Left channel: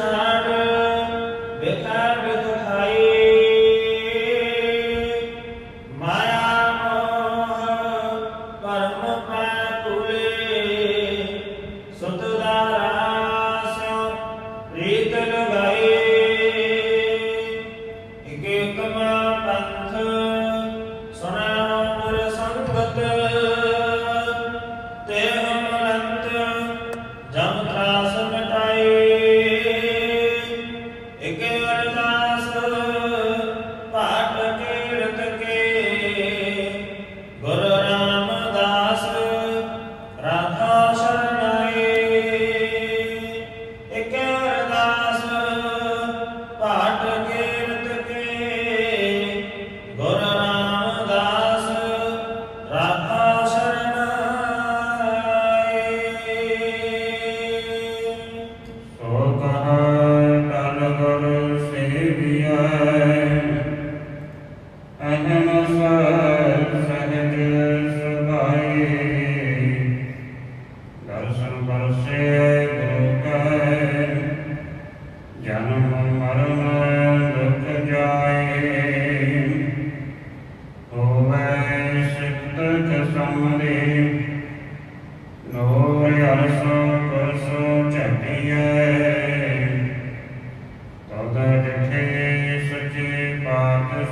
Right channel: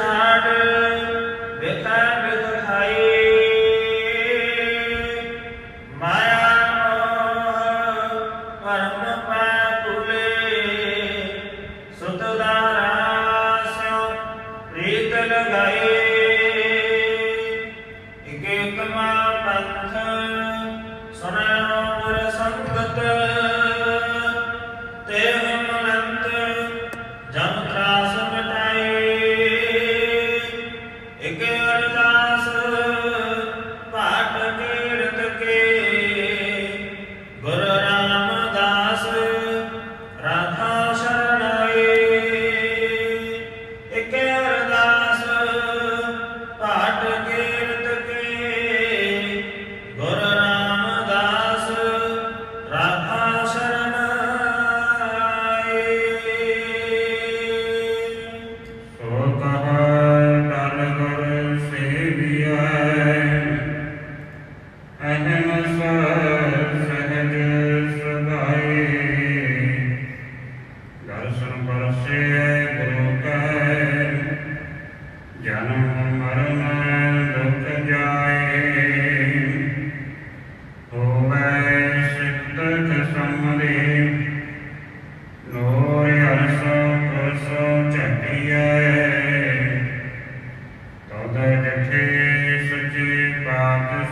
Shana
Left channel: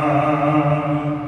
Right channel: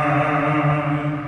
Amen.